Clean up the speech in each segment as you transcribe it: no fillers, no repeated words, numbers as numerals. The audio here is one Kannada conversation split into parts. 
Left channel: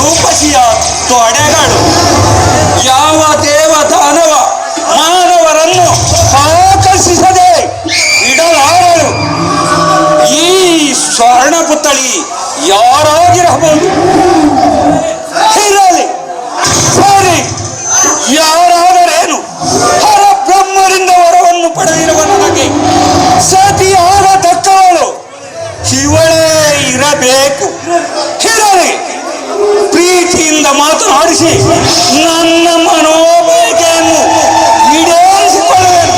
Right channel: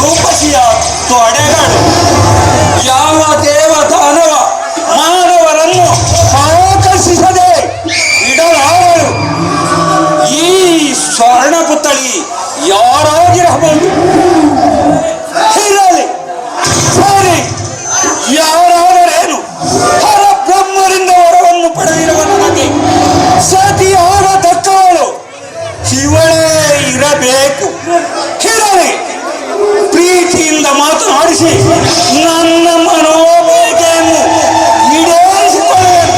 ರೂಪಸಿಯ ತೊಡೆಗಳು ಯಾವ ದೇವದಾನವ ಮಾನವರನ್ನು ಆಕರ್ಷಿಸದೆ ಇಡಲಾರರು. ಈ ಸ್ವರ್ಣ ಪುತ್ಥಳಿ ಯಾರಾಗಿರಬಹುದು? ಇರಲಿ ಸರಿ, ಯಾರಾದರೇನು? ಹರಬ್ರಹ್ಮರಿಂದ ವರವನ್ನು ಪಡೆದಿರುವ ನನಗೆ ಸತಿಯಾಗತಕ್ಕವಳು ಇವಳೇ ಇರಬೇಕು. ಇರಲಿ, ಪ್ರೀತಿಯಿಂದ ಮಾತನಾಡಿಸಿ ನನ್ನ ಮನೋಬಯಕೆಯನ್ನು ಈಡೇರಿಸಿಕೊಳ್ಳುವೆನು.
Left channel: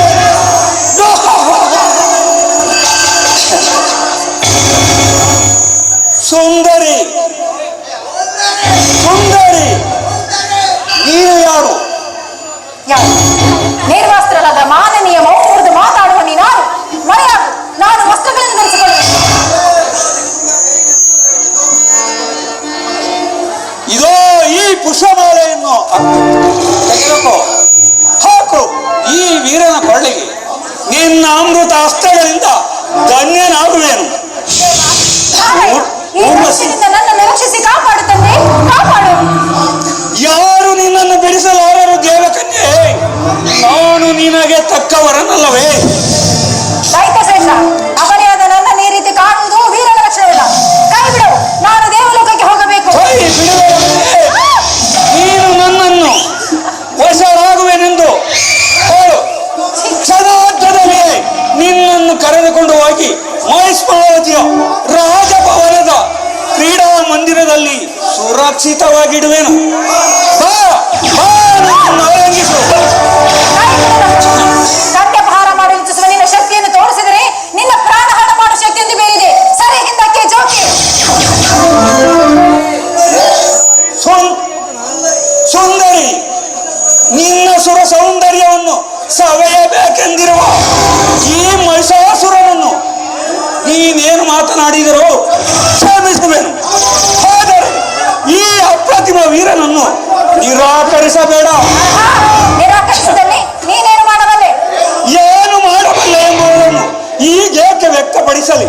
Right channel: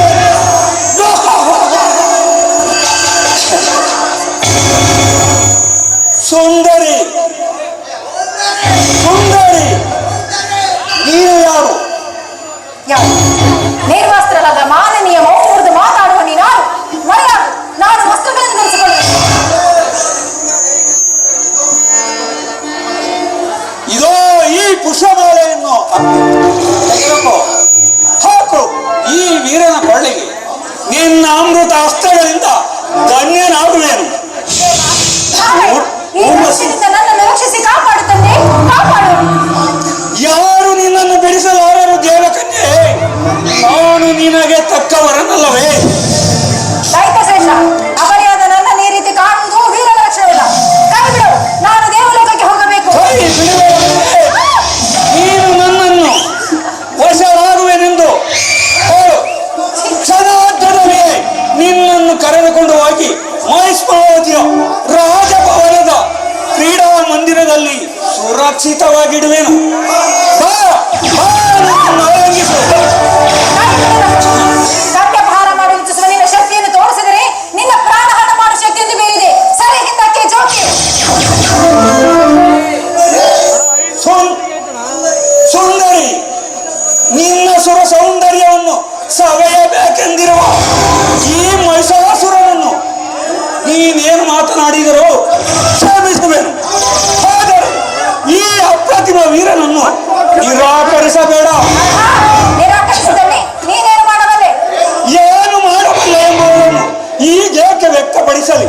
ಸುಂದರಿ, ಸುಂದರಿ, ನೀನು ಯಾರು? ನಿರ್ವಸ್ತ್ರಳಾದ ಮಾನನೀಯ ಮೌನ ಮುರಿದು ಮಾತಾಡುವ ನೀನಾರು? ಮರೆಯಾಗು, ನಾನು ವಸ್ತ್ರಗಳನ್ನು ಧರಿಸಿಕೊಳ್ಳುವೆ. ಇದೋ ಈ ಪುಷ್ಪಮಾಲೆಯನ್ನು ತೆಗೆದುಕೋ, ಹಾಕು ಈ ವೀರನ ಕೊಳ್ಳಿಗೆ. ನಿನ್ನ ಅಮೃತ ಹಸ್ತಗಳಿಂದ ಧನ್ಯನಾಗುವೆನು. ಈ ವರ್ಷದಿಂದ ನನ್ನನ್ನು ರಕ್ಷಿಸಿ ಕಾಪಾಡು ತಂದೆ, ಕಾಪಾಡು. ಯಾರು ನಿನ್ನನ್ನು ಬಿಡಿಸಲಾರರು ದೇವಕನ್ಯೆ? ನಾನು ನಿನಗೆ ತಕ್ಕವರನ್ನಲ್ಲವೇ? ದೈತ ಶ್ರೇಷ್ಠ, ಅಪರ್ಯಾದ ನನ್ನ ಈ ರೀತಿ ಕಾಣುವುದು ವೀರನ ಲಕ್ಷಣವಿಲ್ಲ. ಕೈ ಬಿಡು, ನಾನು ದೇವಲೋಕಕ್ಕೆ ಹೋಗಬೇಕು. ನೀನು ನನ್ನನ್ನು ವಶರಾಗುವೆನೆಂದು ಹೇಳು. ಕ್ಷಣಾರ್ಧದಲ್ಲಿ ನಿನ್ನನ್ನು ಕರೆದುಕೊಂಡು ಹೋಗಿ ಮಹಿಷ್ಮಾವತಿಯ ರಾಜಭವನದ ಕ್ರೀಡಾ ಮಂದಿರದಲ್ಲಿ ಸುರಕ್ಷಿತವಾಗಿಡುವೆನು. ಕನ್ಯಪಹಾರ ಮಾಡಿ ಇಚ್ಛಿಸುವ ನಿನ್ನ ಶಕ್ತಿಯನ್ನು ತೋರಿಸಿದರೆ ನಿನ್ನ ಪ್ರಾಣಹಾರ ಮಾಡುವ ಶಕ್ತಿಯನ್ನು ಬೇರಿದೆ. ಸರಿ, ಹಿಂದಕ್ಕೆ ಜೋಕಿ. ಸುಂದರಿ, ನಿನ್ನ ಸುರ ಸೌಂದರ್ಯವನ್ನು ಸವೆಯಬೇಕೆಂದಿರುವ ಈ ಮಹಿಷಾಸುರನನ್ನು ನೀನೇನು ಮಾತನಾಡಿದರೂ ಕ್ಷಮಿಸುವೆನು. ಆದರೆ ಈ ಅಪ್ರತಿಮ ವೀರನನ್ನು ನಿರಾಕರಿಸಬೇಡ. ನಿರಾಕರಿಸಿದಲ್ಲಿ ನೀನೇನು ಮಾಡಬಲ್ಲೆ? ಏನು ಮಾಡಬಲ್ಲೆ ಎಂಬುದನ್ನು ಈಗೇಕೆ ವ್ಯಕ್ತಪಡಿಸಲಿ?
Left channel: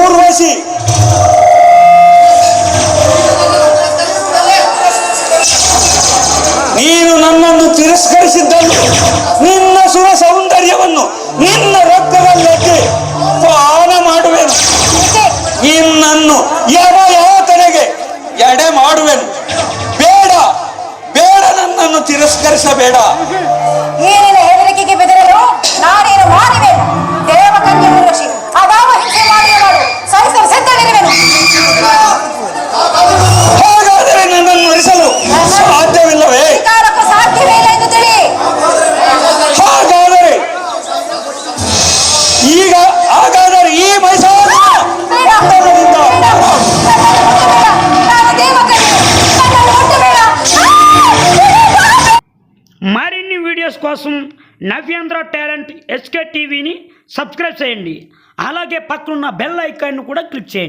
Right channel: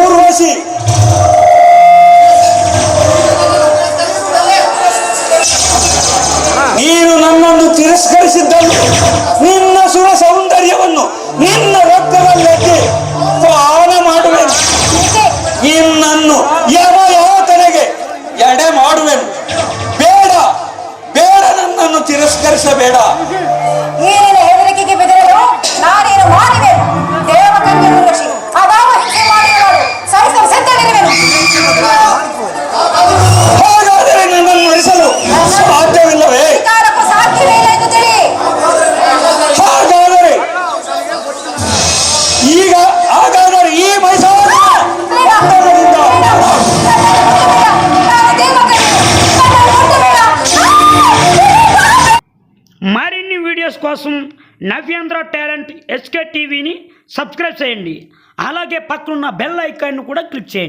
ಊರ್ವಶಿ, ನೀನು ನನ್ನನ್ನು ತಿರಸ್ಕರಿಸಿದ್ದನ್ನು ನಿನ್ನ ಸುರ ಸೌಂದರ್ಯವನ್ನು ನಿನ್ನ ರಕ್ತದಲ್ಲಕ್ಕೆ ಪಾನ ಮಾಡುವೆನು. ನಿನ್ನನ್ನು ಯಮಯಾತನೆಗೆ ಎಡೆ ಮಾಡುವೆನು. ಬೇಡ ಬೇಡ, ನನ್ನನ್ನು ತಿರಸ್ಕರಿಸಬೇಡ. ನೀನಿನ ಹೆದರಿಕೆಗೆ ಬೆದರಲು ನಾನೇನು ಮಾಡುವೆನು? ದೇವಕನ್ಯೆ ಊರ್ವಶಿ, ಅದಾವ ಹಿಂಸೆ ಮಾಡುವವರು ಸಹಿಸಲು ಸಿದ್ಧನಿರುವೆನು. ಹಾಗಾದರೆ ನನ್ನನ್ನು ನಡೆಸಲು ಸಾಧ್ಯವಿಲ್ಲವೇ? ಅಧಿಕಾರಕ್ಕೂ ಸಾಧ್ಯವೇ ಇಲ್ಲ ಎಂದು ತಿಳಿ. ಹಾಗಾದರೆ ಈ ಮೈಸೂರು మరిన్ని వీడియోస్ కోసం నవ్యాంధ్ర టాలెంట్ ఎస్కే టీవీని సబ్స్క్రైబ్ చేయండి. అలాగే పక్కనున్న బెల్ ఐకాన్ను కూడా క్లిక్ చేయండి.